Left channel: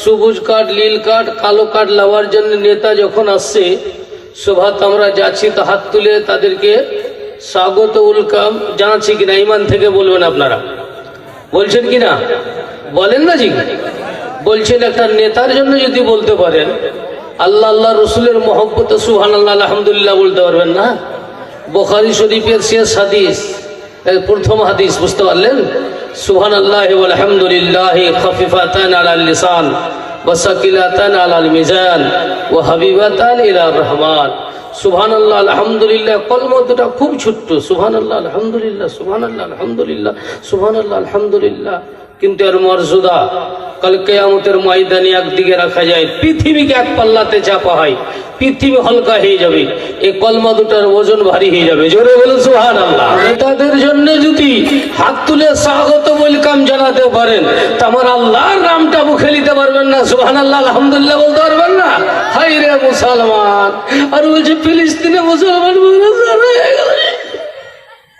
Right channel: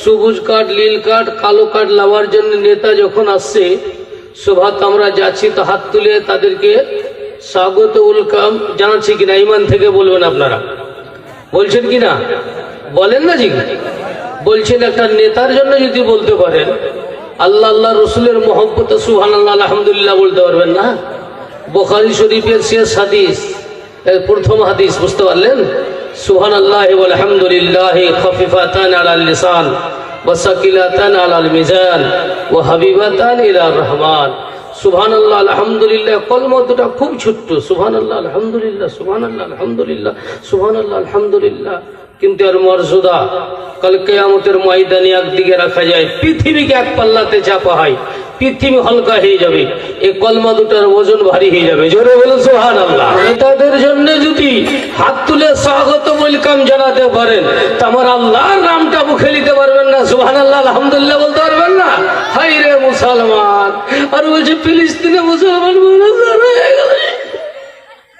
সবুজ কার্ড, নীল কার্ড, কালো কার্ড নেওয়ার জন্য নেতা যখন আসছে, সভাত আমরা যাচ্ছি, তো হাত তুলে তাদেরকে স্বাগত ওয়েলকাম জানাচ্ছি কিনা? ইমান থেকে বলবেন আপনারা, বলছেন কিনা? বলেন না জি? বলছেন একটা নেতার জন্য যদি বলতে পারেন আল্লাহ আল্লাহ রসুলের মহব্বতে সুবহানাল্লাহ আলহামদুলিল্লাহ বলতে পারবেন না? বুখারী শরীফের শেষ হাদিস, প্রথম হাদিস, বুঝতে পারলেন? সুবহানাল্লাহ ওয়াল হামদুলিল্লাহ খাফিফাতান আলাল লিসান ওয়া সাকিলাতান আলাল মিজান ওয়া হাবিবাতান ইলার রহমান। সুবহানাল্লাহ আলহামদুলিল্লাহ কলমাটা খুব ছোট্ট, সুবহানাল্লাহ আলহামদুলিল্লাহ, সুবহানাল্লাহ আলহামদুলিল্লাহ, সুবহানাল্লাহ আলহামদুলিল্লাহ, কিন্তু এর মর্যাদা কাল কিয়ামতের ময়দানে একদিকে রাখা যায়, পৃথিবীকে এক পাল্লাতে চাপা হয়, পৃথিবী হালকা হয়ে যাবে, এই কলমা দুটার ওজন ভারী হয়ে যাবে। জোরে বলুন সুবহানাল্লাহ। নেতাদের জন্য যদি হাত তুলে স্বাগত ওয়েলকাম জানাতে পারেন, তা আমার আল্লাহর নামটা মুখে নিতে পারবেন না? সুবহানাল্লাহ আলহামদুলিল্লাহ বলতে পারবেন না? হায় রে মুসলমান! আর বলছে ফিলিস্তিনে মুসলমান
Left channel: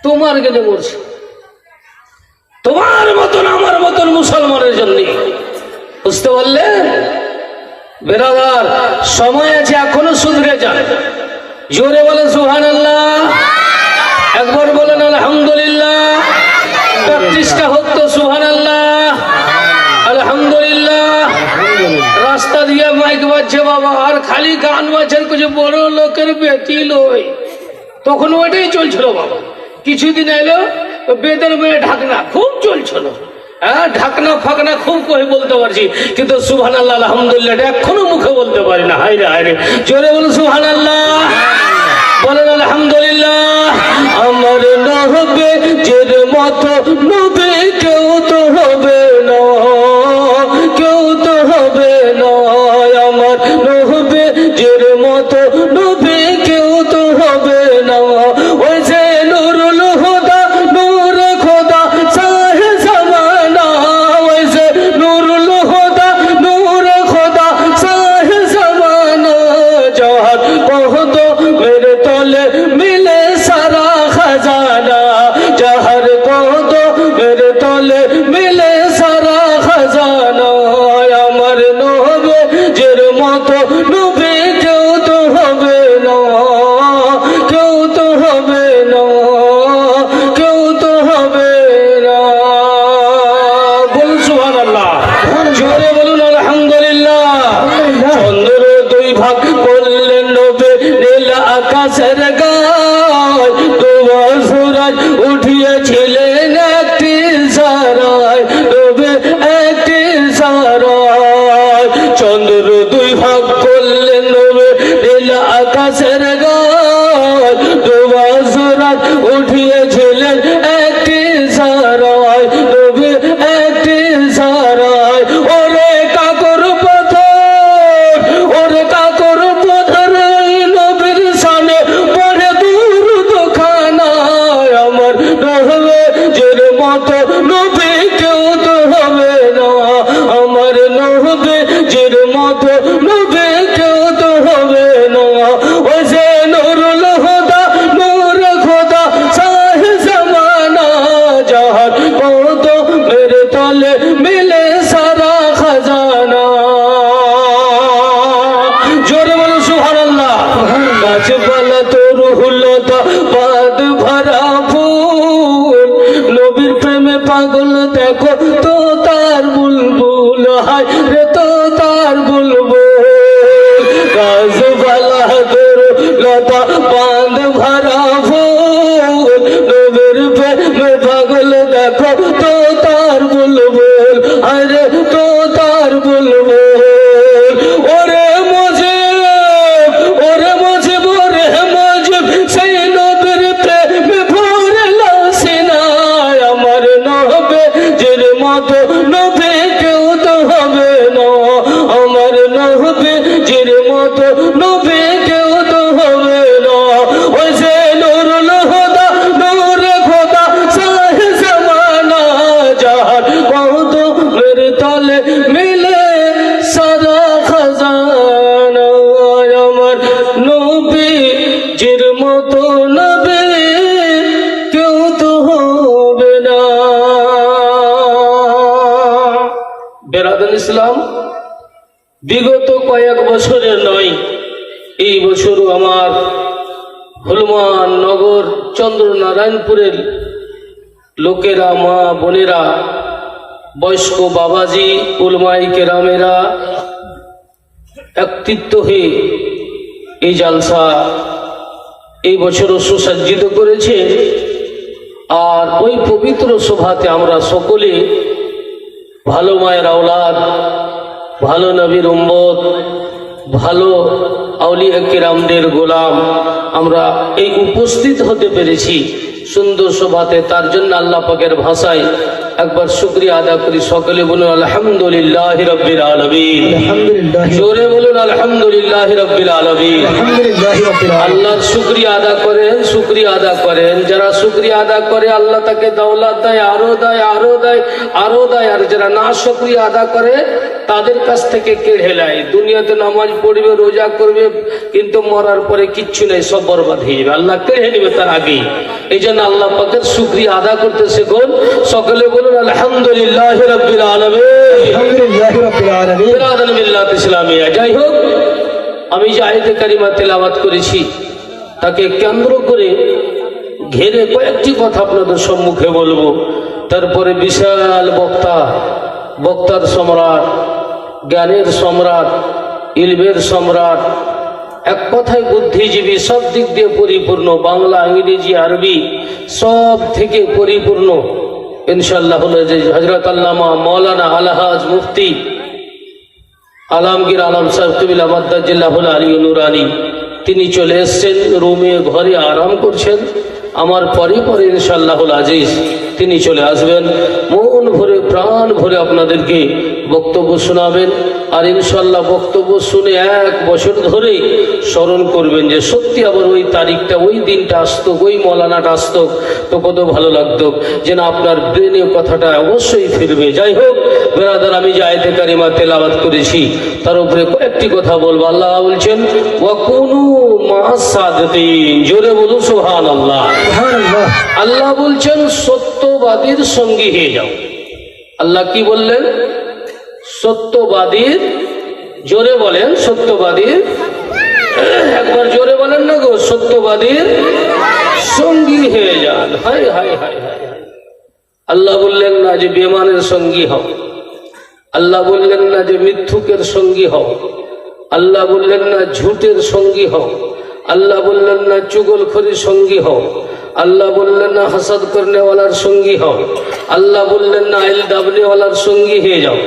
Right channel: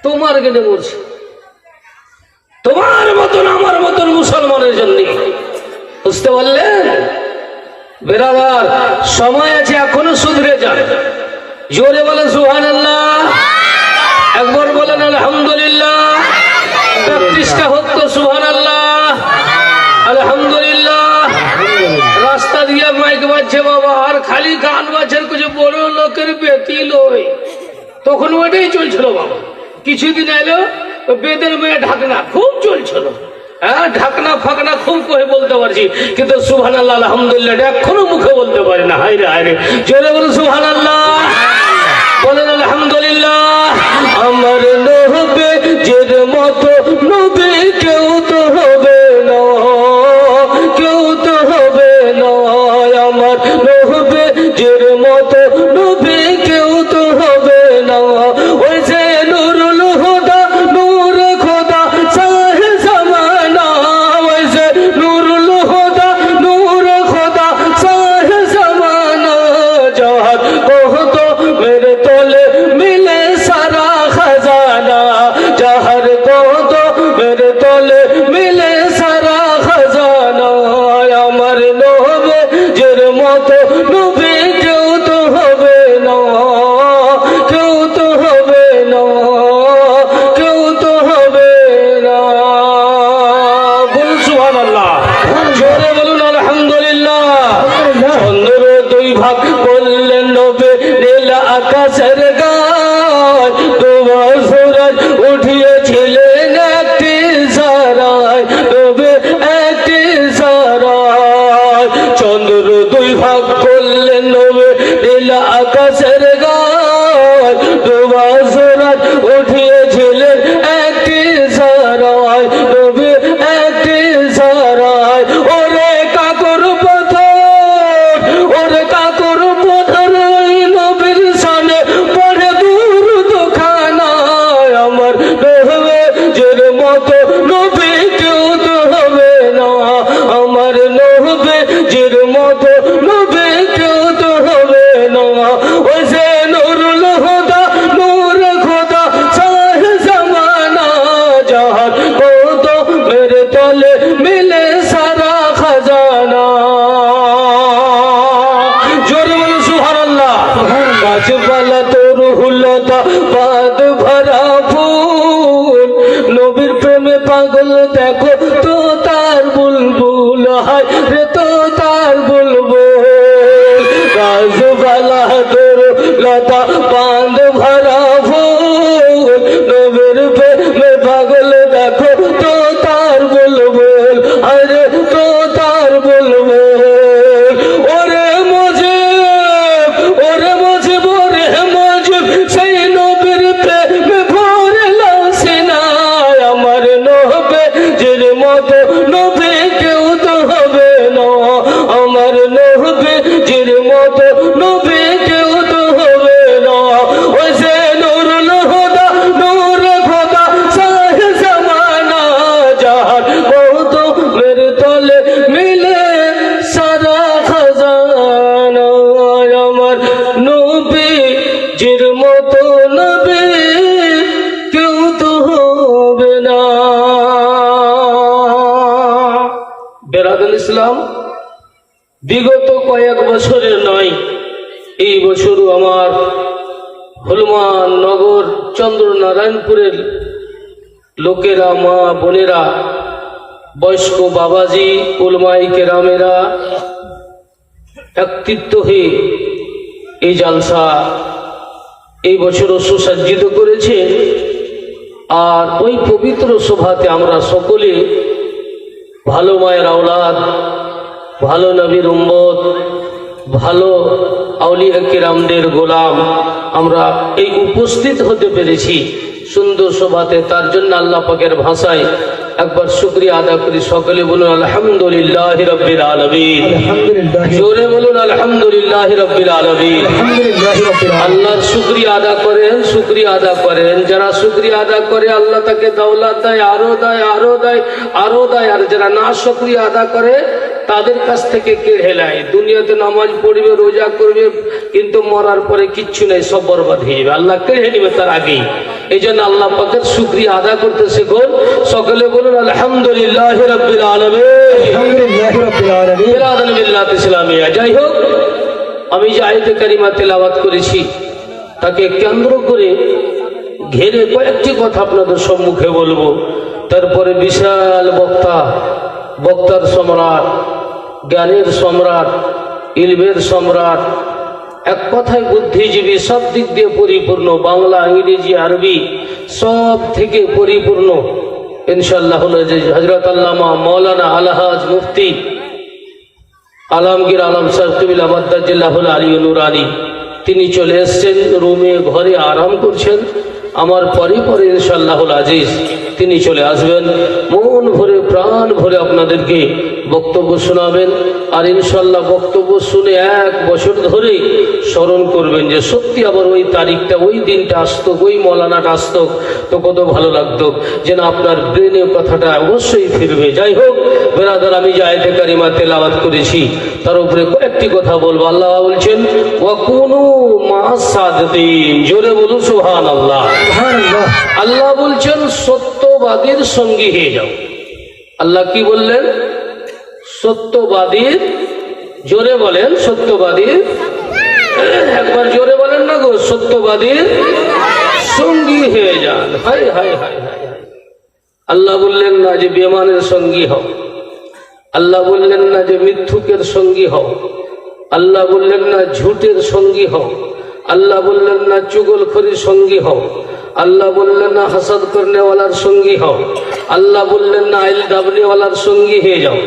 তোমার গেলে বলছে, তোমার মতন আমার মতন মুসলমানের জন্য। বুঝতে পারলেন বেরাদার? সময় আছে, এখনো শুধরে যান। জোরে বলেন সুবহানাল্লাহ, একবার বলেন আলহামদুলিল্লাহ, ৩৫টা হোক তো সুবহানাল্লাহ আলহামদুলিল্লাহ। রাস্তা দিয়ে মাইক বাজছে বাবা, আর খালি গান বাজছে, কিছু বড় লোকের বেটি লই, তখন ওইটাই চলছিল বাবা। কিছুদিন এলো বেদের মেয়ে ঢাকনা খুব চলছিল, হ্যাঁ ঢাকনা ফাকনা খুব কই বলতে পারছি, কিন্তু সুবহানাল্লাহ আলহামদুলিল্লাহ এখনো মুখে বলতে পারি না। হায় রে হায় রে, জোরে বলুন সুবহানাল্লাহ, বলেন আলহামদুলিল্লাহ। আমার নবে যের মতো নবে কেউ তো হবে না, কেউ তো হবে না। আমার নবে যের মতো নবে কেউ তো হবে না। ওই যে নুরুল হুদা নূর খোদা সাহে জামানা, ওই যে নুরুল হুদা নূর খোদা সাহে জামানা। যার কহত মেরে তোলে মিলে সারা খাজানা, যার কহত মেরে তোলে মিলে সারা খাজানা। আমার নবে যের মতো নবে কেউ তো হবে না, কেউ তো হবে না, কেউ তো হবে না। বলুন সুবহানাল্লাহ, জোরে বলুন আলহামদুলিল্লাহ। চন্দ্র দুই ভাগ করলেন নবে, নীল আকাশের গায়, ডোবা সূরজ উঠিয়েছিলেন একটি সারায়, ডোবে একটি সারায়। চন্দ্র দুই ভাগ করলেন নবে, নীল আকাশের গায়, ডোবা সূরজ উঠিয়েছিলেন একটি সারায়, ডোবে একটি সারায়। ওরে কাকর পাথর, ওরে কাকর পাথর, এই নবীর শানে পড়ে দুরূদ খানায়। আমার নবে যের মতো নবী কেউ তো হবে না, আমার নবে যের মতো নবী কেউ তো হবে না। ওই যে নুরুল হুদা নূর খোদা সাহে জামানা, যার কত মেরে তলে মিলে সারা খাজানা। জোরে বলো সুবহানাল্লাহ। গাছপালা তোর হুলতা বাদ ভরা ফুল, নবীর প্রেমে পাগল দেখো তো তার বুলবুল, হায় রে তো তার বুলবুল। গাছপালা তোর লতা বাঁধ ভরা ফুল, নবীর প্রেমে পাগল দেখো তো তার বুলবুল, হায় রে তো তার বুলবুল। ওরে মজিব, ওরে মজিব, ওরে মজিব, সেই নবীর প্রেমে ভরলা সিনায়। আমার নবে যের মতো নবী কেউ তো হবে না, আমার নবে যের মতো নবী কেউ তো হবে না। ওই যে নুরুল হুদা নূর খোদা সাহে জামানা, যার কত মেরে তলে মিলে সারা খাজানা। আমার নবী যের মতো নবী কেউ তো হবে না। বেরাদুল ইসলাম, বিগত কয়েক বছরে নয়, এই বছরও আমার হনুমান নগর চন্দ্রনারায়ণপুরের লোকেরা, মা বোনেরা, বয়স্ক বাবাজি, উলমাই কেরামেরা একত্রিত হয়ে এই জালসা এই বছরও সুসজ্জিত করেছে। আর ওই পবিত্র সভাতে আমরা সকলে ভালো মায়ের আওলাদ, ভালো নবীর উম্মত, ভালো আউলিয়া কিরামদের গোলাম আমরা এই উপস্থিত হতে পেরেছি সুন্দর সভাতে। তার জন্য আল্লাহ পাকের ভাষায় একবার শুকরিয়া আদা করি। সকলে বলুন আলহামদুলিল্লাহ রাব্বিল আলামিন। জোরে বলুন আলহামদুলিল্লাহ রাব্বিল আলামিন। আল্লাহর শুকরিয়া আদা করেন, শুকরিয়া আদা করেন। যারা শুকরিয়া আদা করে আল্লাহ তাকে দৌলত দেয়, আরো দেয়, আরো দেয়, আরো দেয়। আর যারা না শুকরিয়া আদা করে তাদের কাছ থেকে কেড়ে নেয়। দুনিয়াতে নামাজ পড়বে, রোজা করবে, কিন্তু মরার পরে কিচ্ছু নেই, সব বরবাদ হয়ে যাবে। আল্লাহ কেড়ে নেবে তার আগেই। এই জন্য আল্লাহ পাকের শুকরিয়া আদা করতে শিখুন। সকলে বলুন আলহামদুলিল্লাহ রাব্বিল আলামিন। ইসলামিয়া। যাই হোক, আমি যে আয়াতে কারিমা তেলাওয়াত করেছি তাকে কেন্দ্র করে ঘিরে কয়েকটি কথা আপনাদের সম্মুখে বলবো। তারপরে বিশাল বক্তার সম্রাট, জ্ঞানের সম্রাট, ইলমের সম্রাট, এক কথায় বুদ্ধিজীবী, সব দিক দিয়ে পরিপূর্ণ, বাংলা, ইংরেজি, আরবি সব থেকে পরিপূর্ণ ইনশাআল্লাহ হলো যে হযরত আল্লামা মাওলানা আলহাজ মুফতি আলমগীর আলম সাহেব মাদ্দাজিল্লাহুল আলী নুরানি। তিনি চলে এসছেন, রুমে ঘরে আরাম করছেন। আমার পরে পরে ইনশাআল্লাহুল আজিজ তিনি চলে আসবেন, মন ভরে প্রাণ ভরে আপনাদেরকে বক্তব্য শোনাবেন। আর ইনশাআল্লাহ বক্তব্য শুনে এক বছর ধরে স্মরণ করবেন যে সত্যি আবার ওই তারিখটা, ওই দিনটা আসতো, ওই মৌলানাটা আসতো তো কত ভালো লাগতো, যেন আপনার ব্রেনে কথাটা অবশ্যই ফিরবে। যাই হোক বেরাদার, আমি যে আয়াতে কারিমা তেলাওয়াত করেছি তার উপরে কয়েকটি কথা বলবো। আল্লাহ বলছেন ওয়াকুনু মা'আস সাদিকিন। জোরে বলুন সুবহানাল্লাহ। আল্লাহ বলছেন সত্যবাদীর সঙ্গী হয়ে যাও। আল্লাহ কি বললেন? সত্যবাদীর, জোরে বলেন সত্যবাদীর, একবার জোরে বলেন না গো, সত্যবাদীর সঙ্গী হয়ে যান। হায় হায় হায় হায়। আল্লাহ বললেন না যে বেঈমানের সঙ্গী হও, আল্লাহ বললেন না যে মিথ্যুকের সঙ্গী হও, আল্লাহ বললেন না ঝুটের সঙ্গী হও, আল্লাহ বললেন না চুগলখড়ির সঙ্গী হও, আল্লাহ বললেন না হাসাদ করনেওয়ালার সঙ্গী হও, আল্লাহ বললেন না আইল দাবনেওয়ালার সঙ্গী হয়ে যাও,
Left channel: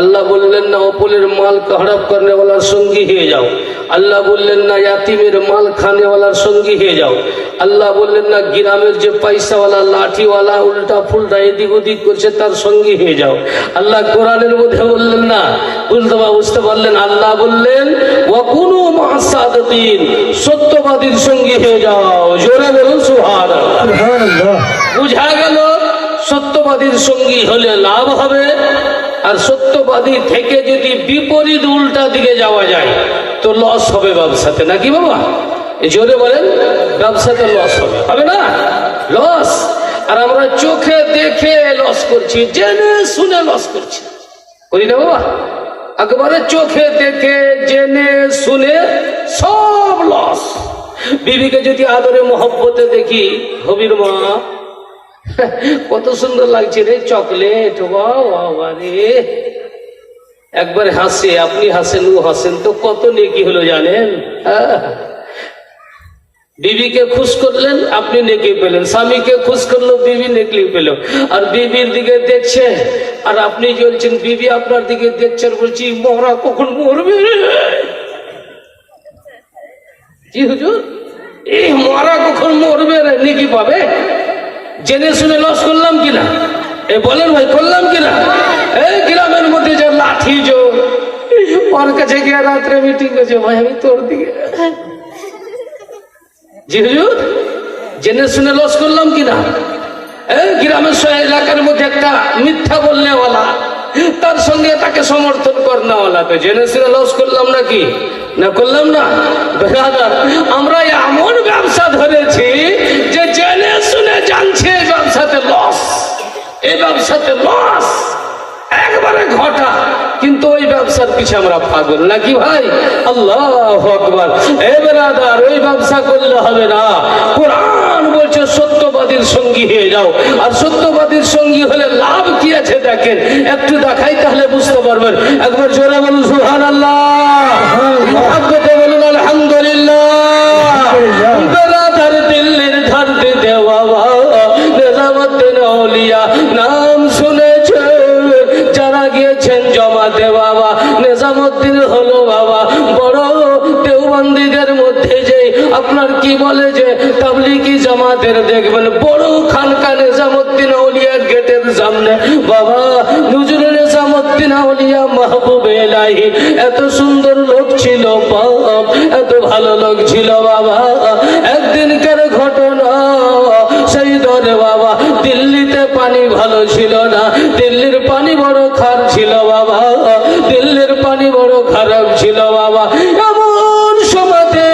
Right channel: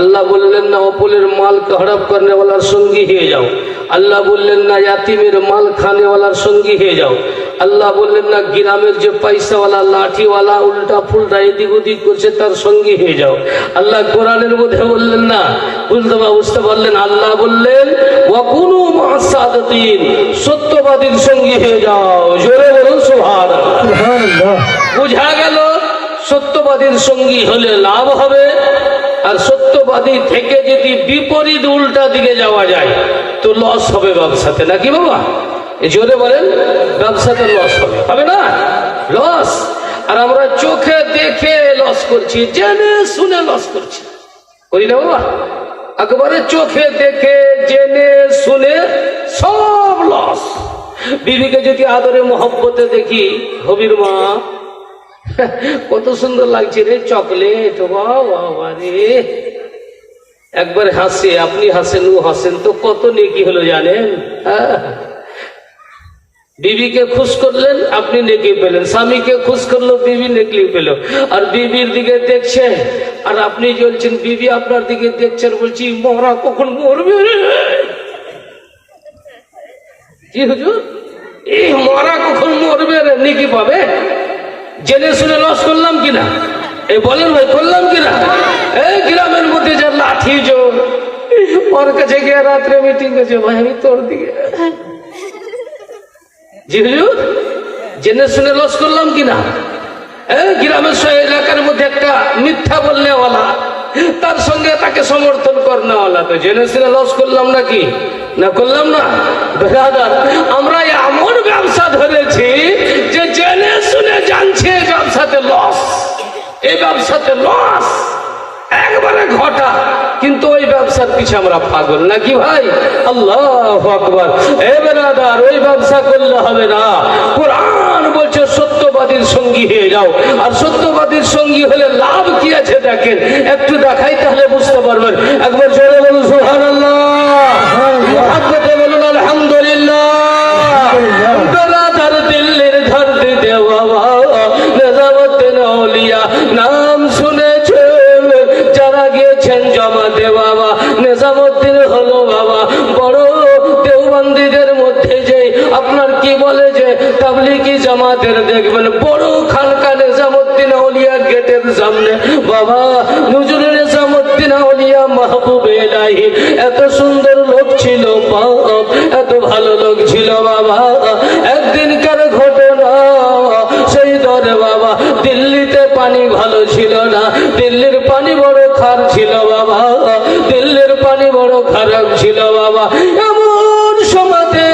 আল্লাহ বললেন না অপরের মাল হড়প করনেওয়ালার সঙ্গী হয়ে যাও, আল্লাহ বললেন না ইয়াতিমের মাল খানেওয়ালার সঙ্গী হয়ে যাও, আল্লাহ বললেন না গ্রামের যে পয়সাওয়ালা, লাঠিওয়ালা, উল্টা ফুলটা এদিক ওদিক করছে তার সঙ্গী হয়ে যাও। আল্লাহ কোরআনের মধ্যে বললেন না, বুঝতে পারলেন? আল্লাহ বললেন ওয়াকুনু মা'আস সাদিকিন, সত্যবাদীর সঙ্গী হয়ে যাও। জোরে বলুন সুবহানাল্লাহ। বুঝা গেল সত্যবাদীর সঙ্গী হলে লাভ হবে। আর সত্যবাদী থেকে যদি বিপরীত উল্টা দিকে যাওয়া যায় তো লস হবে ব্যবসাতে, নাকি বাবা? জোরে বলেন, ব্যবসাতে লস হবে, হবে না? লস। আর আমরা চোখে দেখে লস করছি, জেনে শুনে লস করছি, করি না বাবা? একবারে চোখে দেখে জেনে শুনে সব লস। বিবিকে যদি আদরে মোহব্বতে দেখি, হবির মা কত সুন্দর লাগছে রে চকলেট, বাবা রে, একবার হাসে, আপনি হাসেন, ও হাসেন, তো কত নেকি হলো জানেন? বিবিকে খুশ করলেন, আপনি নেকি পেলেন। স্বামীকে খুশ করলো, বিবি নেকি পেল। আর বিবির দিকে দেখছে আর আপনি জ্বলছেন, বিবি আপনার দিকে দেখছেন, বলছি মরা কখন মরবে রে? কি হুজুর, এই মরা কখন মরবে রে? নেকি পাবে। জেনে শুনে লস করলাম কিনা? এ বলেন ভাই, করলাম কিনা? এই গ্রামের মধ্যে যা লাঠি জোর, ওর কাছে গিয়ে রাত্রে মিটিং করছে, ভাই আমি তোর দিকে। জি হুজুর, জেনে শুনে লস করলাম কিনা? গ্রামের এলাকার মধ্যে একটা মিথ্যা বলনেওয়ালা, তার সঙ্গে তাকে সমর্থন করনেওয়ালা, তো জেনে শুনে লস করলাম নাকি? না করলাম না? আমরা এমন ব্যবসা ধরেছি যে জেনে শুনে জানছে এই ব্যবসাতে লস, এই ব্যবসাতে লস, একবারে ঘটা। কিন্তু ওই ব্যবসার পিছে আমরা পাগল নাকি ভাই? আল্লাহু আকবার। এ বেরাদার, ওই ব্যবসা করলে হবে না। কোরআন বলছে সত্যবাদীর সঙ্গী হয়ে যাও। আর সত্যবাদীর সঙ্গী হলে লাভ কি আছে দেখেন, একটু দেখাই তাহলে বুঝতে পারবেন। একবার জোরে বলুন সুবহানাল্লাহ, মহব্বতে বলুন আলহামদুলিল্লাহ। বেরাদার দিল্লির ধরতে দেওয়া নিজামুদ্দিন আউলিয়া নাম শুনেছে যারা গিয়েছেন জমাতে বাবা। নিজামুদ্দিন হলো বাবা বড় দেওবন্দীদের মধ্যে যে আপনার কি বলে যে তাবলীগী জামাতের দেখবেন বড় খানকা নিজামুদ্দিন আউলিয়া গেটের সামনে বাবা হুজুর নিজামুদ্দিন আউলিয়া মাহবুব ইলাহি এত সুন্দর লোক ছিল বাপ, এত ভালো লোক ছিল বাবা। একদিনকার ঘটনা, সেই দরে বাবা দিল্লিতে পানি ভালো ছিল না, দিল্লির পানি বড় খারাপ ছিল বাবা, দিল্লির পানি বড় খারাপ ছিল বাবা। এমন সময়তে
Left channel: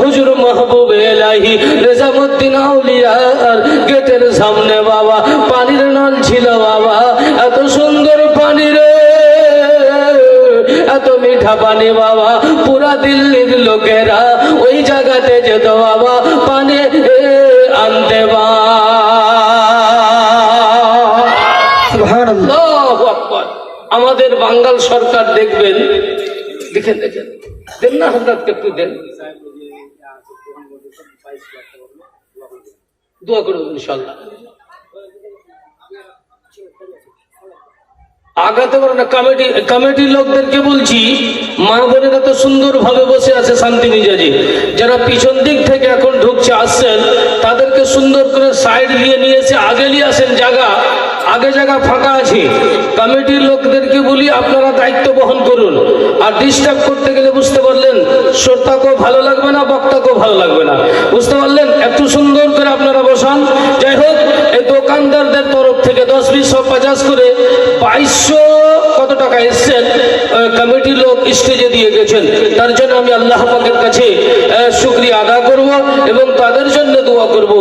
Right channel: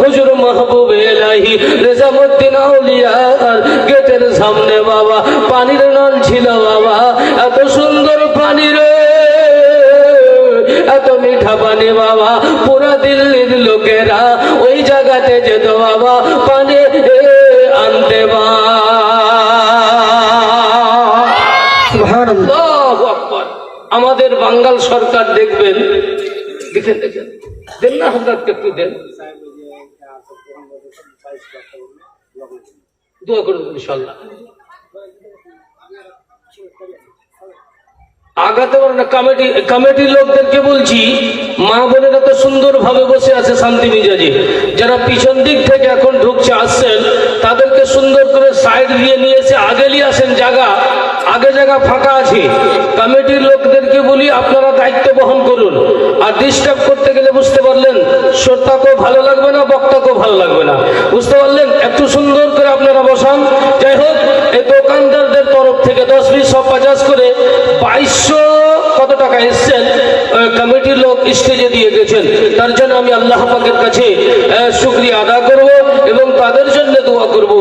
হুজুর মাহবুব ইলাহি নিজামুদ্দিন আউলিয়ার গেটের সামনে বাবা পানির নল ছিল বাবা। এত সুন্দর পানি রে, এত মিঠা পানি বাবা, পুরা দিল্লির লোকেরা ওই জায়গাতে যেত বাবা পানি আনতে বা। আল্লাহু আকবার। আমাদের বাঙ্গাল সরকার দেখবেন, দেখেন দেখেন দেন না হযরত একটু দেন, দোয়া করুন ইনশাআল্লাহ। আগাতে পারে না কমিটির লোকদেরকে বলছি, মা বোনেরা তো সুন্দর ভাবে বসে আছে শান্তি মিজাজে, যারা পিছন দিক থেকে এখন ঢুকছে আসছেন তাদেরকে সুন্দর করে সাইড দিয়ে নিয়ে এসে আগে নিয়ে আসেন, আগে জায়গা ফাঁকা আছে। কমিটির লোকদেরকে বলি আপনারা দায়িত্ব বহন করুন। আর ডিস্টার্ব করতে গেলে বুঝতে পারলেন শ্রোতাকেও ভালো লাগবে না, বক্তাকেও ভালো লাগবে না, বুঝতে পারলেন? একটু সুন্দর করে আপনারা বসান। যাই হোক, এই দোকানদারদের তরফ থেকে 10, 20, 50 করে 2200 কত টাকা এসছেন কমিটির লোক স্টেজে দিয়ে গেছেন। তার জন্য আমি আল্লাহ পাকের কাছে শুকরিয়া আদা করব এবং তাদের জন্য দোয়া করব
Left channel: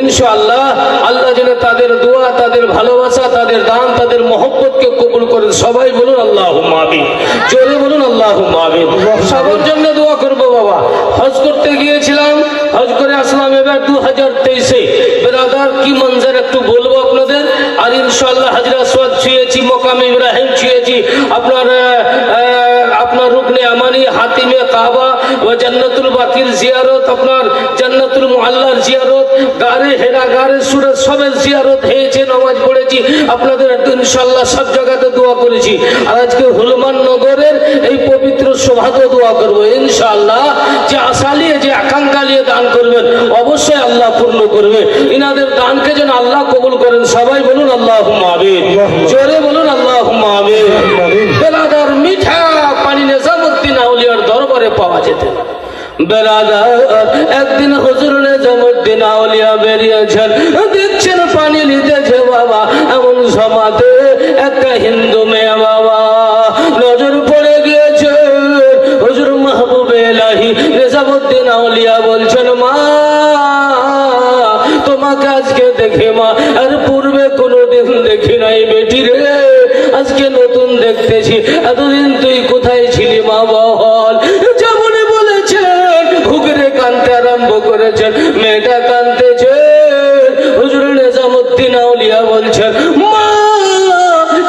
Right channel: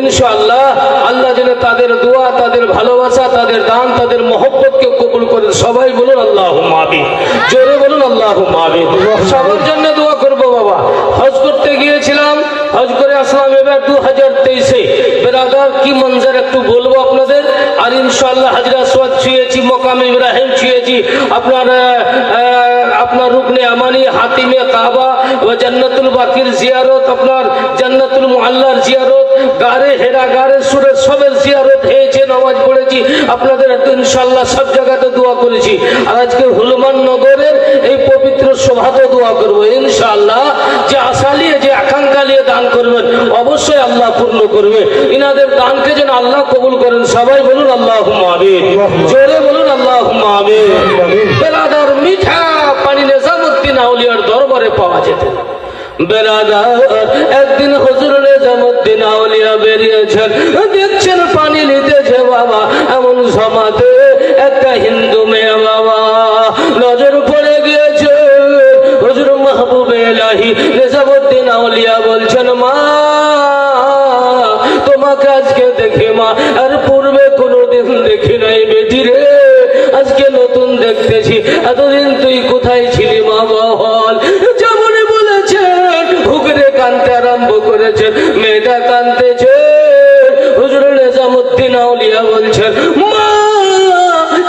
ইনশাআল্লাহ। আল্লাহ যেন তাদের দোয়া, তাদের ভালোবাসা, তাদের দান, তাদের মহব্বতকে কবুল করেন। সবাই বলুন আল্লাহুম্মা আমিন, জোরে বলুন আল্লাহুম্মা আমিন। সবার জন্য দোয়া করব বাবা। হজ করতে গিয়েছিলাম, হজ করে আসলাম এবার 2023-এ। বেরাদার কি মঞ্জর একটু বলবো আপনাদের। আর ইনশাআল্লাহ হাজরা আসওয়াদ ছুঁয়েছি, মকামে ইব্রাহিম ছুঁয়েছি, আপনার রুকনে আমানি, হাতিমে কাবা ও জান্নাতুল বাকির জিয়ারত, আপনার জান্নাতুল মুআল্লার জিয়ারত, গারে হেরা, গারে সুরের সবের জিয়ারত হয়েছে, নামাজ পড়েছি আপনাদের ইনশাআল্লাহ সব জায়গাতে দোয়া করেছি। আর আজকে হুলমান নগরের এই পবিত্র সভাতে দোয়া করবো ইনশাআল্লাহ। যে আশা নিয়ে, যে আকাঙ্ক্ষা নিয়ে দান করবেন অবশ্যই আল্লাহ পূর্ণ করবে। ইনাদের দানকে যেন আল্লাহ কবুল করেন। সবাই বলুন আল্লাহুম্মা আমিন, জোরে বলুন আল্লাহুম্মা আমিন। বেলাদার মিঠা পানি নিজামুদ্দিন আউলিয়ার দরবারে পাওয়া যেত। বেলাদার একদিন হুজুর নিজামুদ্দিন আউলিয়া বেরিয়েছেন, দেখছেন পানি নিতেছে বাবা। এমন সমাতে একটা হিন্দু মেয়ে বাবা নজর পড়ে গিয়েছে। হুজুর মাহবুব ইলাহি নিজামুদ্দিন আউলিয়া বলছেন, মা তোমাকে আজকে দেখে মা আর পূর্বে কোনোদিন দেখি নাই বেটি রে, আজকে নতুন দেখতেছি। এতদিন তুই কোথায় ছিলি মা বল? যেমন বলেছেন ঘুগরে কানতে আরম্ভ করেছেন, মেয়েটা কানতেছে। হুজুর নিজামুদ্দিন আউলিয়া বলছেন, মা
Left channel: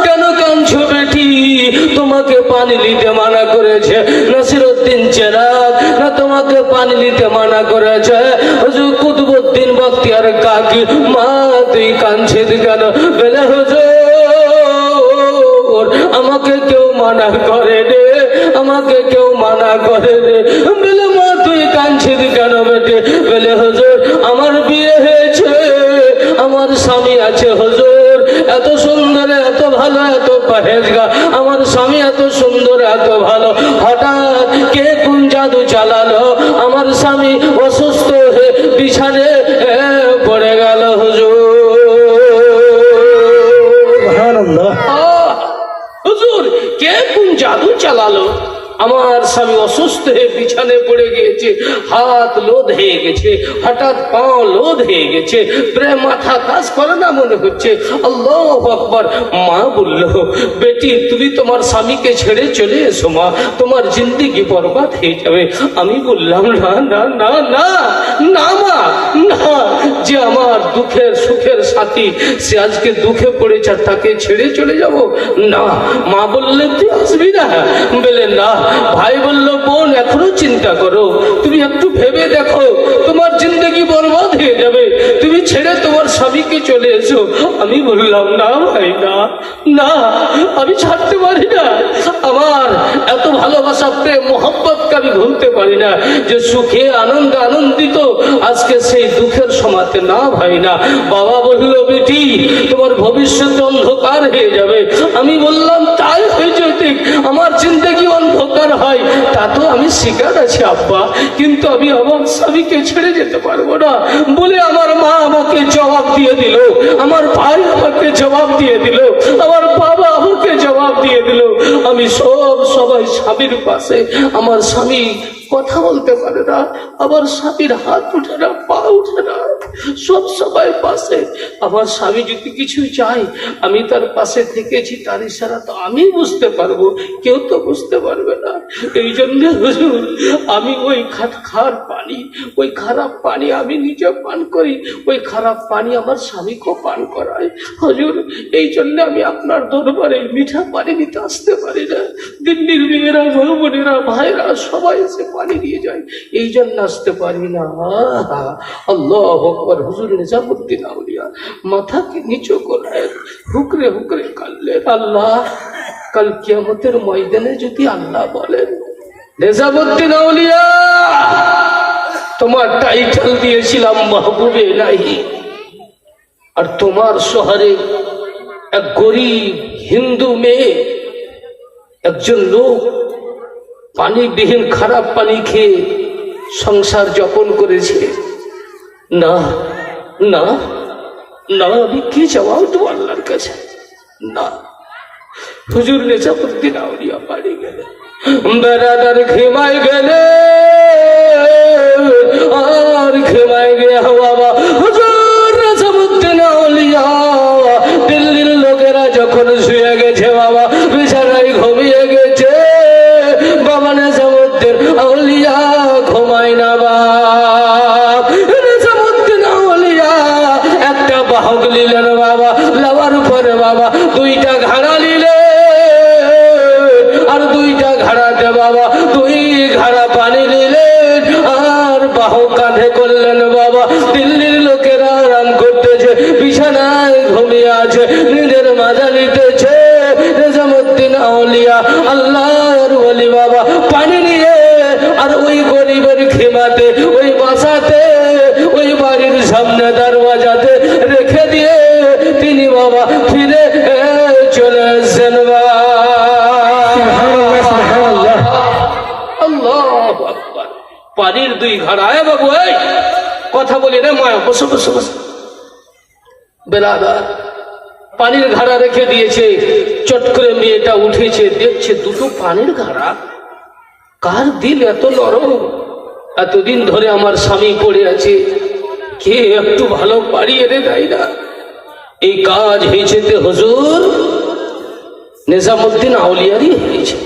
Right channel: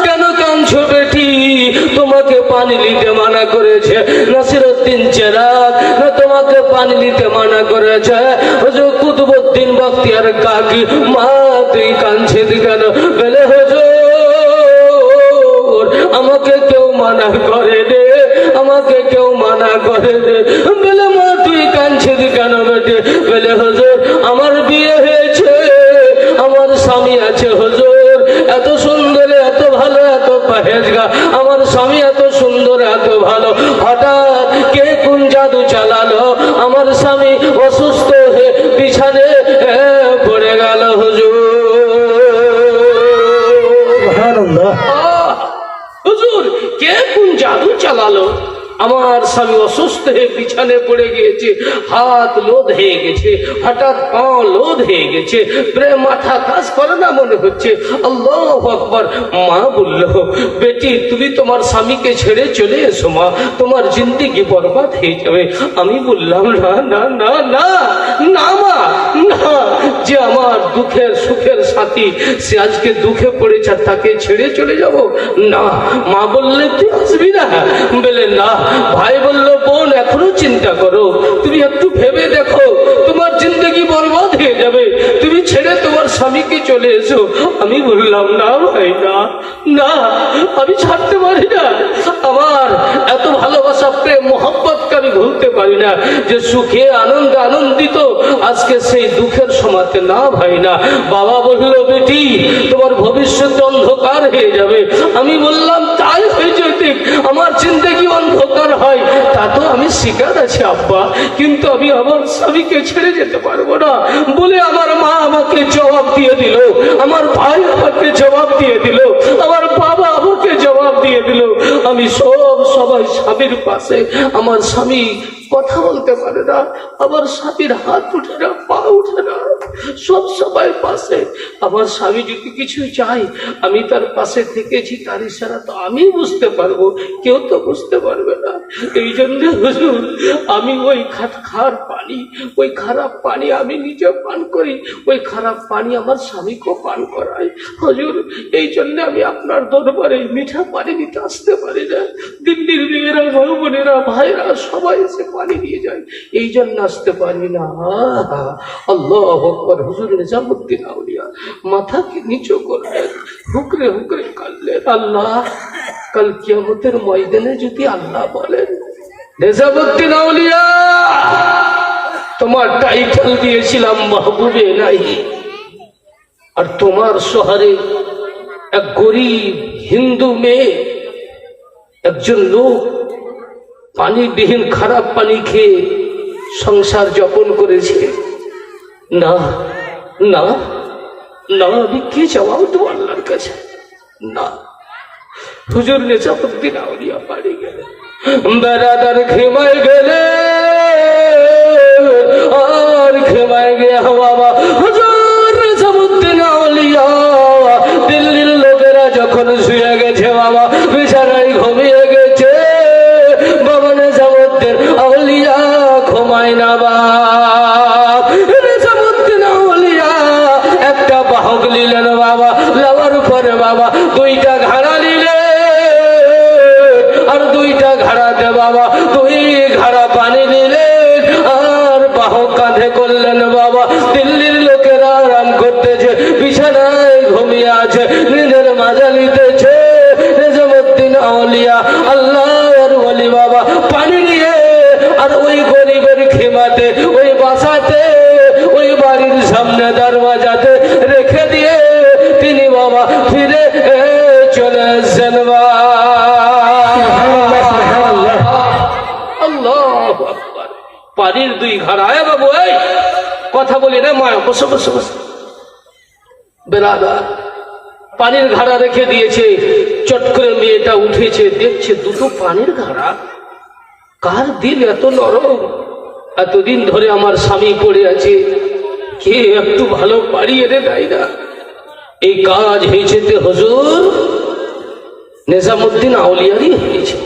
কেন কাঁদছো বেটি? তোমাকে পানি নিতে মানা করেছে নাসিরউদ্দিন চেরাগ, না তোমাকে পানি নিতে মানা করেছে হুজুর কুতুবউদ্দিন বখতিয়ার কাকি? মা তুই কাঁদছিস কেন? বলে হুজুর আমাকে কেউ মানা করে দে, আমাকে কেউ মানা করে দে। বলে মা তুই কাঁদছিস কেন বেটে? বলে হুজুর আমার বিয়ে হয়েছে, আমার স্বামী আছে হুজুর, এত সুন্দর, এত ভালো, এত পহেজগা, আমার স্বামী এত সুন্দর, এত ভালো, হঠাৎ কে কোন জাদু চালালো, আমার স্বামী অসুস্থ হয়ে বিছানে পড়ে গেল হুজুর। হুজুর কে কোন জাদু চালালো? আমার স্বামী অসুস্থ হয়ে বিছানে পড়ে গিয়েছে, হাত লোদ হয়ে গেছে, হঠাৎ পা লোদ হয়ে গেছে, প্রেম মাথা কাজ করে না মনে হচ্ছে। আল্লাহু আকবার। মা বলল, বেটি তুমি তোমার স্বামীকে ছেড়ে চলে এসো মা, তোমার জিন্দেগি বরবাদ হয়ে যাবে। আমি বললাম, না না না না না মা, না, যে আমার দুঃখের সুখের সাথী সে আজকে দুঃখে পড়েছে আর তাকে ছেড়ে চলে যাব না। মা বললে তুই আসবি না? বলে না। ভাই বলল, বোন এখনো চিন্তা করো, তুমি একটু ভেবে দেখো, তোমার জিন্দগি বরবাদ হয়ে যাবে, তুমি ছেড়ে তোমার স্বামীকে চলে এসো। আমি বললাম, না ভাই, না না, আমি ছাড়তে পারি না। আমার এত ভালোবাসা প্রেম মোহব্বতকে আমি ভুলতে পারি না, যে সুখে আনন্দ আনন্দিত আজকে সেই দুঃখের সমাতে না ভাই না। বাবা বলল, বেটি তোমার ভবিষ্যৎ অন্ধকার হয়ে যাবে। আমি বললাম, তাই হয়েছে, ঠিক আমার জিন্দেগি অন্ধকার হয় তা তো আমি শিকার আছি আব্বা, কিন্তু আমি আমার স্বামীকে ছেড়ে যেতে পারবো না বলে আমার মা আমাকে জবাব দিয়ে দিল, আমার ভাই আমাকে জবাব দিয়ে দিল, আমার বাবা আমাকে জবাব দিয়ে দিল। আমি সবাই স্বামীর পাশে, আমার স্বামী কথা বলতে পারে না, আমার স্বামীর হাত উঠে না, পা উঠে না, সব সবাই পাশে। আমার স্বামী যদি কিছু চাই আমি তার পাশে থেকেছি, তার ইশারা তো আমি বুঝতে পারবো, কেউ তো বুঝতে পারবে না। এই জন্য হুজুর আমি ওই খার পানি, ওই খারাপ পানি আমি নিজে পান করি, ওই খারাপ পানি আমার স্বামীকেও পান করাই হুজুর। এই জন্য আমি আপনার দরবারে মিঠা পানি নিতে আসতে পারি না। দিল্লির মেয়েরা, বোনেরা, ভাইরা সবাই এসে পানি দিয়ে যায়, এই জন্য আসতে পারি না। আল্লাহু আকবার। হুজুর নিজামুদ্দিন আউলিয়া মাথাকে নিচু করলেন, হুকরে হুকরে কাঁদলেন। আল্লাহ, কাল কিয়ামতের ময়দানে যদি আল্লাহ বলেন, নিজামুদ্দিন আউলিয়া তোমার টাইটেল দিয়েছিলাম মাহবুবে ইলাহি, আর তোমার শহরে এক গরিব হিন্দু মেয়ে, একজন লোক পানিবিহীন খারাপ পানি খেয়ে সংসার যাপন করেছে। না না না, আমি কি জবাব দেবো আল্লাহর কাছে? না। হুজুর নিজামুদ্দিন আউলিয়া বাড়ি গেলে, বেরাদার ঘেমায় গেলে আর ঘেমায় গিয়া বাবা হুজুর নিজামুদ্দিন আউলিয়া দিল্লির লোকেরা যখন শুয়ে গেছে, বাবা বিছানায় ঘুমিয়ে গেছে, বাবা নিজামুদ্দিন আউলিয়া ঘুমায় না। বাপ নিজামুদ্দিন আউলিয়া একটা বাহক নিলেন বাবা, নেওয়ার পরে বাবা দুইটা ঘাড়া নিলেন, আর দুইটা ঘাড়াতে বাবা দুই ঘাড়া পানি নিলেন, আর বাহক কাঁধে করলেন বাবা। দিল্লির লোকেরা আরাম করতেছে, বিছানায় ঘুমিয়ে আছে, নিজের মাজা নিতেছে। নিজামুদ্দিন আউলিয়া আল্লাহর ওলি বাবা পানি নিয়ে আর ওই গরিবের খিমাতে, ওই বাসাতে, ওই বাড়ির সামনে দরওয়াজাতে রেখে দিয়ে তিনি বাবা ফিরে চলে এসেছেন। আল্লাহু আকবার। পানির দুই ঘাড়া। বাবু এই কথা বলি না, মা বসে বসে বসে। বেরাদার পানির ঘাড়া রেখে দিয়েছে, চট করে মেয়েটা উঠেছে, দেখছে দুটো পানির ঘাড়া। কার দিল এত নরম? এতদিন ধরে আমার স্বামী পড়ে আছে, কে একটু ভালো পাড়ি এনে দেয় না? এই কাজ হয়েছে হুজুর নিজামুদ্দিন আউলিয়ারই হয়েছে।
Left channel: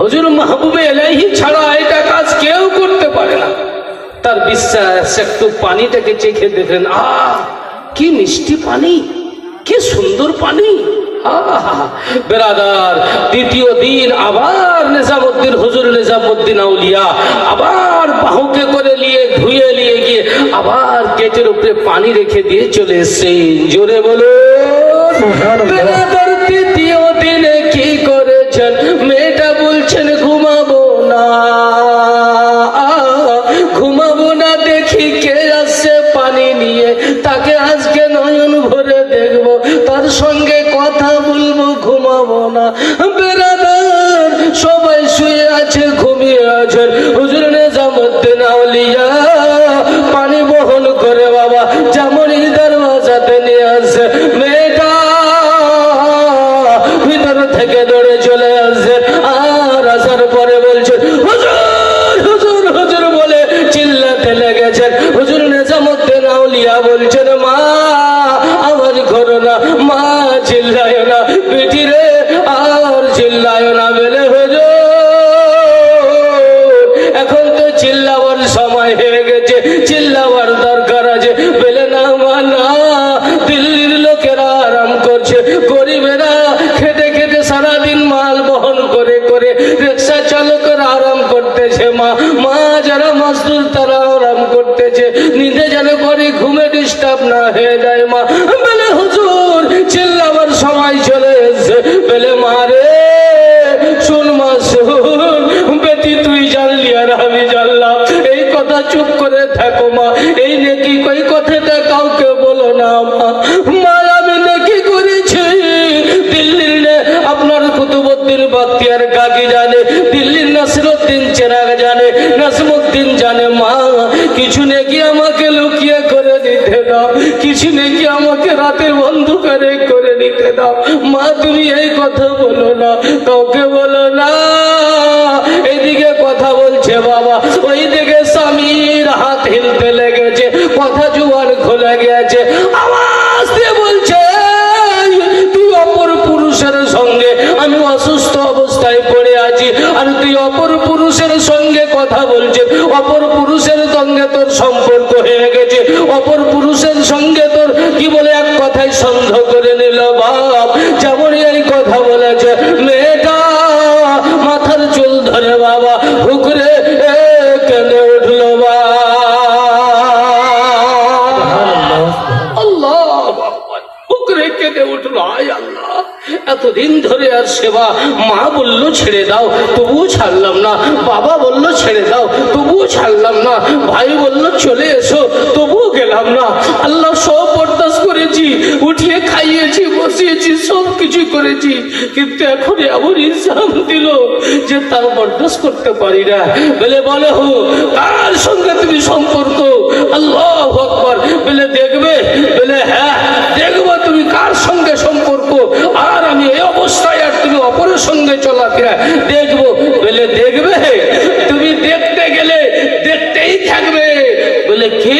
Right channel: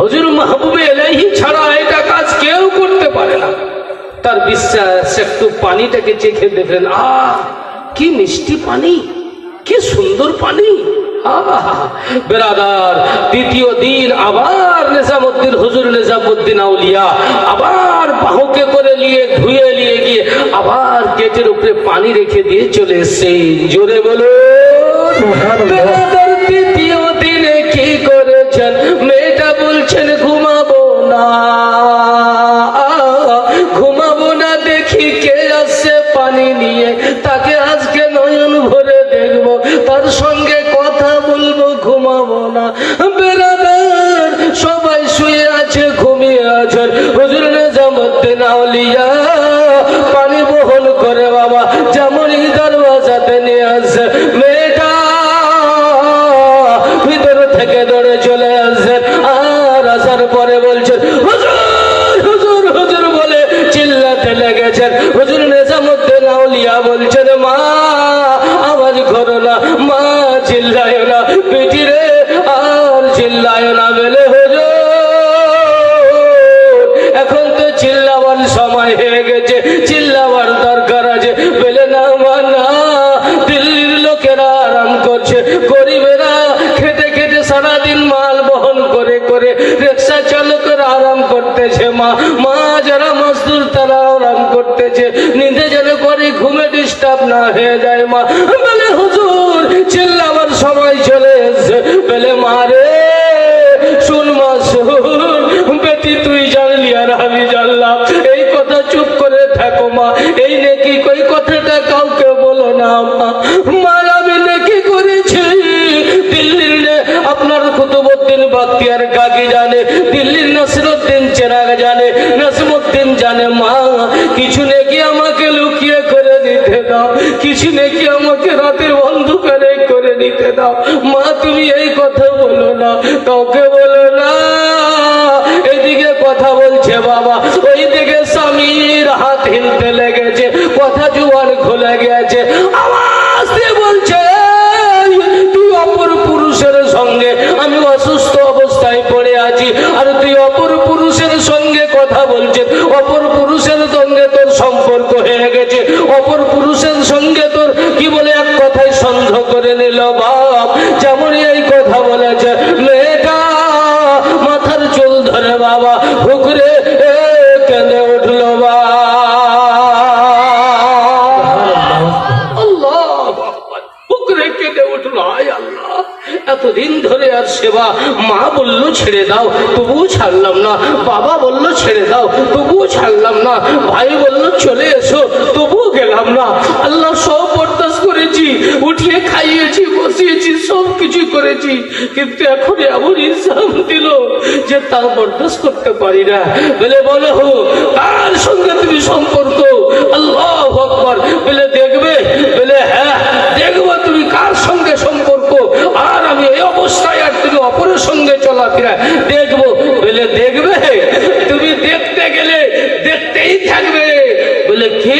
হুজুর মাহবুবে ইলাহি ছাড়া এটা কাজ কেউ করতে পারে না। তার বিশ্বাস, একটু পানিটাকে চেখে দেখলেন, কি মিষ্টি পানি, কি সুন্দর পানি। বেরাদার দ্বিতীয় দিন আবার নিজামুদ্দিন, হুজুর নিজামুদ্দিন আউলিয়া আবার বাহুকে করে নিয়ে ধুয়ে নিয়ে গিয়ে আবার গেটের উপরে পানি রেখে দিয়ে চলে এসছে। জোরে বলো বেরাদার তৃতীয় দিনে কি করেছেন? মেয়েটা বলছেন ঘুমাবো না, ঘুমাবো না, দেখি কে আসছে পানি নিয়ে, তাকে আজকে নয়ন ভরে দেখবো, তার সঙ্গে কথা বলবো, ঘুমাবো না। বেরাদার সবাই শুয়ে আছে, ঘুমিয়ে আছেন। হুজুর নিজামুদ্দিন আউলিয়া পানি বহন করে বাবা যেমনই দরওয়াজাতে নিয়ে আসে, মেয়েটা ভিতর থেকে দৌড়ে চলে আসে। আর আসার পরে করে রিক্সা চালকরা আরাম করতেছে, মা যারা মাসদুর তারা আরাম করতেছে, নিতে যেন করে ঘুমে ডিস্টার্ব না হয়ে যায় মা। বলে হুজুর চিল্লাবার সময় চলে এসছে। বলে মা রে শুন মা শুন, বেটি তুই জানলি আর আমি জানলাম, এই কথা চুপ করে থাকো মা, এই নেকি কই কথাটা কাউকে বলো না মা। মার আমি নেকি করেছি, দিল্লির আপনার কুতুবউদ্দিন বখতিয়ার কাকি জানে, দিল্লির নাসিরউদ্দিন চেরাগ জানে, নাসিমউদ্দিন জানে। মা কিছু নেকি আমাকে লুকিয়ে করে দিতে দাও, কিছু নেকি আমাকে রাতের অন্ধকারে করে দিতে দাও মা। তুমি এই কথা বলো না, কাউকে বলো না। এদিকে কথা বলছে বাবা, ওই দিকে স্বামীর হাত হিলতে লেগেছে, কথা জুয়ান খুলে গেছে, আওয়াজ দিয়ে বলছে তুই অপর পুরুষের সঙ্গে, আমি অসুস্থ অবস্থায় পড়ে আছি আর তুই অপর পুরুষের সঙ্গে কথা বলছিস, অপর পুরুষের সঙ্গে তোর সম্পর্ক হয়ে গেছে, অপর পুরুষের সঙ্গে তোর কি বলে এক কথায় সন্দেহ করে নিল বাপ। যেমন এই কথা বলেছে মেয়েটা মাথার চুল ধরে বাবা হুকরে কেঁদে উঠলো বা। এতদিন ধরে আর সেবা, মা বললো ছেড়ে দাও তবুও ছাড়লাম না, বাবা বললো ছেড়ে দাও তবুও ছাড়লাম না, ভাই বললো চলে এসো তবুও গেলাম না। আল্লাহ সব বরদাস্ত করেছি, উঠিয়ে খাইয়েছি, বসিয়েছি, সব কিছু করেছি, কিন্তু এখন এমন ইলজাম দিল যে তার বরদাস্ত করতে পারি না। বলে বলো কার সঙ্গে তুমি সম্পর্ক? আল্লাহু আকবার। বলে দেখবে? বলে হ্যাঁ দেখবো তুমি কার সঙ্গে সম্পর্ক, আর আমি এই অবস্থায় আর তুমি অপরের সঙ্গে চলাফেরা দেখবো। বলে দেখবে? তুমি দেখতে গেলে দেখতেই থাকবে। বলে কি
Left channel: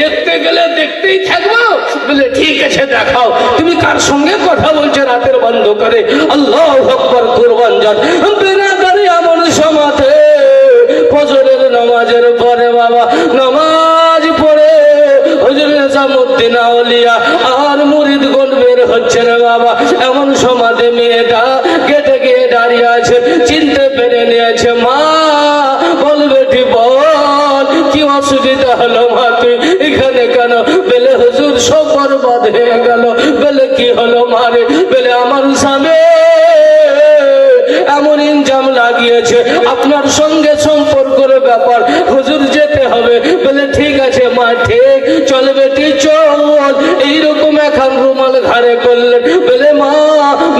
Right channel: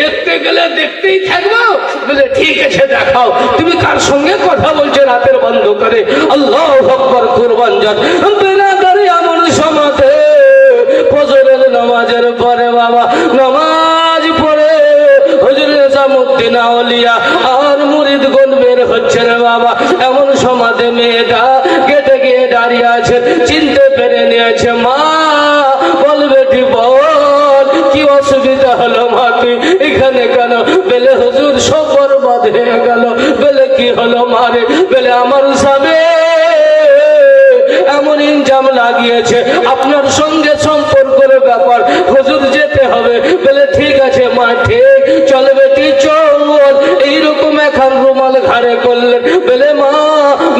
দেখতে গেলে দেখতেই থাকবো? বলে ঠিক আছে দেখাও তুমি কার সঙ্গে কথা বলছো রাতের বন্ধ করে। আল্লাহু আকবার। কুরবান যান বেনাদারি এমন সমাজে ফজরের নামাজের পরে বাবা নামাজ পড়ে হুজুর নিজামউদ্দিন আউলিয়া আর মুরিদগণ বের হচ্ছে রে বাবা। এমন সমাজে মেয়েটা গেটে গিয়ে দাঁড়িয়ে আছে, চিনতে পেরে নিয়েছে। মা বল বেটি বল কি অসুবিধা হলো মা, তুই এখানে কেন? বলে হুজুর সব বরবাদ হয়ে গেল। বলে কি হলো মারে? বলে আমার স্বামী এমন ইনজাম লাগিয়েছে, আপনার সঙ্গে সম্পর্কের ব্যাপার, হুজুর যেতে হবে। বলে ঠিক আছে মা, ঠিক চল বেটি চল। এইরকম এখন রুমাল ঘাড়ে করলেন। বলে মা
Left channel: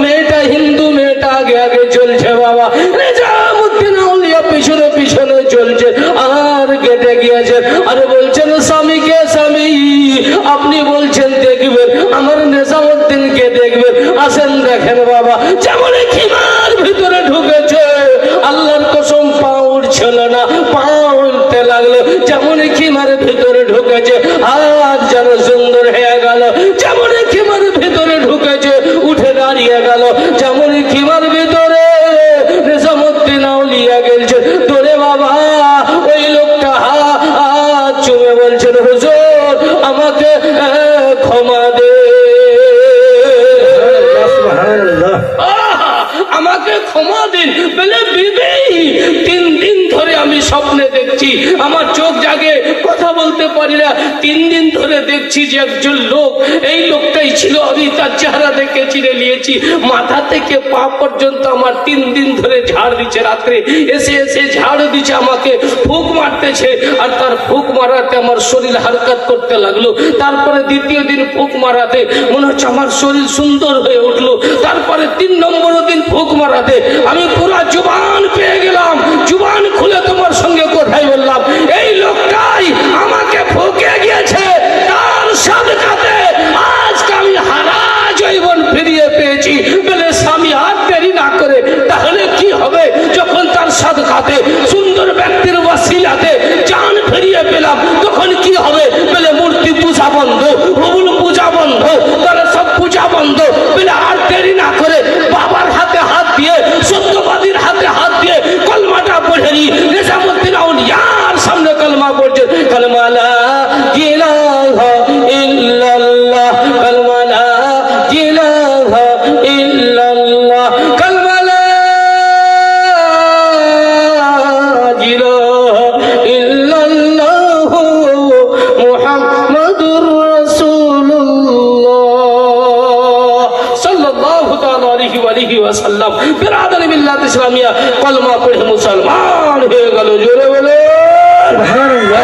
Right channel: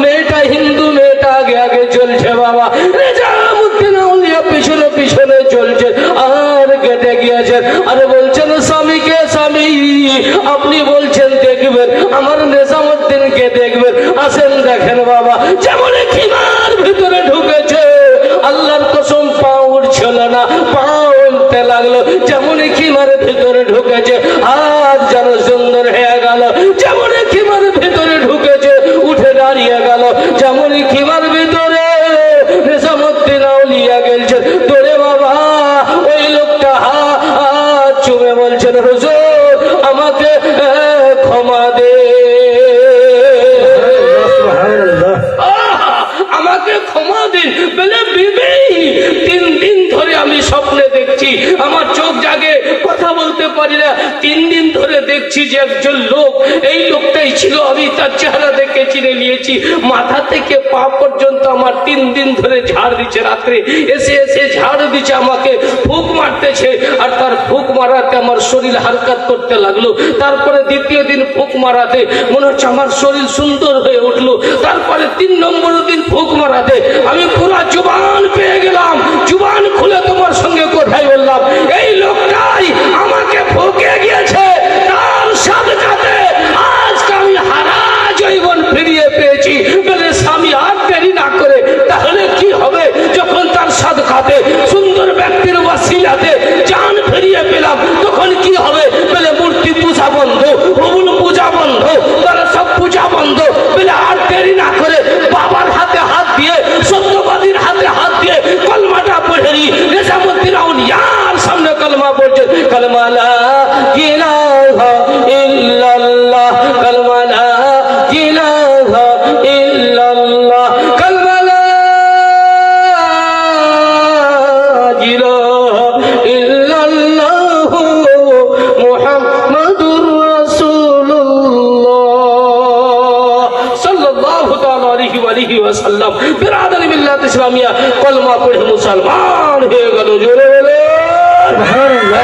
মেয়েটা হিন্দু, মেয়েটা আগে আগে চলছে বাবা, নিজামউদ্দিন আউলিয়া পিছনে পিছনে চলছে আর গেটে গিয়েছেন। আর বলছেন স্বামীকে, স্বামী আপনি বলছেন দেখবেন, আমার নিজামউদ্দিনকে দেখবেন, আসেন দেখেন বাবা। যেমন খিমার ভিতরে ঢুকেছে আল্লাহর কসম পা উঠছিল না, পা উঠতে লাগলো। যেমন খিমার ভিতরে ঢুকেছে হাত যেন সুন্দর হয়ে গেল, যেমন খিমার ভিতরে ঢুকেছে উঠে দাঁড়িয়ে গেল, যেমন খিমার ভিতরে নিজামউদ্দিন আউলিয়া গেলছে দৌড়ে বাবা। ওই লোকটা হাত চুমে বলছেন হুজুর আমাকে ক্ষমা দে, আমাকে ক্ষমা দিন। বলে বিবি 3 দিন ধরে আমি স্বপ্নে দেখছি, আমার চোখ জাগে, কথা বলতে পারি না, 3 দিন ধরে দেখছি যে একজন লোক, এই লোকটাই ছিল, আমি তার চেহারা দেখে চিনে নিয়েছি, মাথা থেকে পা পর্যন্ত আমার 3 দিন ধরে ঝাড় দিচ্ছে, রাত্রে এসে এসে ঝাড় দিচ্ছে, আমাকে ফুঁক মারতেছে, আর তার ফুঁক মারাতে আমার শরীর হারকাত করতে লাগলো। তারপরে দ্বিতীয় দিন ফুঁক মারাতে মনে হচ্ছে আমার শরীর সুন্দর হয়ে উঠলো। তারপরে 3 নম্বর দিন ফুঁক মারাতে আমি পুরা জুবান পেয়ে গেলাম, জুবান খুলে তোমার সঙ্গে কোথায় বললাম। এই লোকটাই আমাকে ফুঁকে গিয়েছে, তার সাদকাতে আজকে আমি হারা জৈবন ফিরিয়ে পেয়েছি। বলে স্বামী আর দেরি না করে, তাহলে কি হবে যখন তার সাদকাতে সুন্দর ব্যক্তির ওয়াসিলাতে জান ফিরিয়ে পেলাম, তখন কি হবে? বলে মূর্তি পূজা বন্ধ, হুবুল পূজা বন্ধ, তারা সব পূজা বন্ধ। বলে আর দেরি না করে বাবার হাতে হাত দিয়ে, সত্যবাদীর হাতে হাত সাল্লাল্লাহু তাআলা আলাইহি ওয়া আলিহি ওয়াসাল্লাম বিরাদারি মিল্লাত ইসলামিয়া কলমা পড়ে মুসলমান হয়ে গেল। জোরে বলে সুবহানাল্লাহ।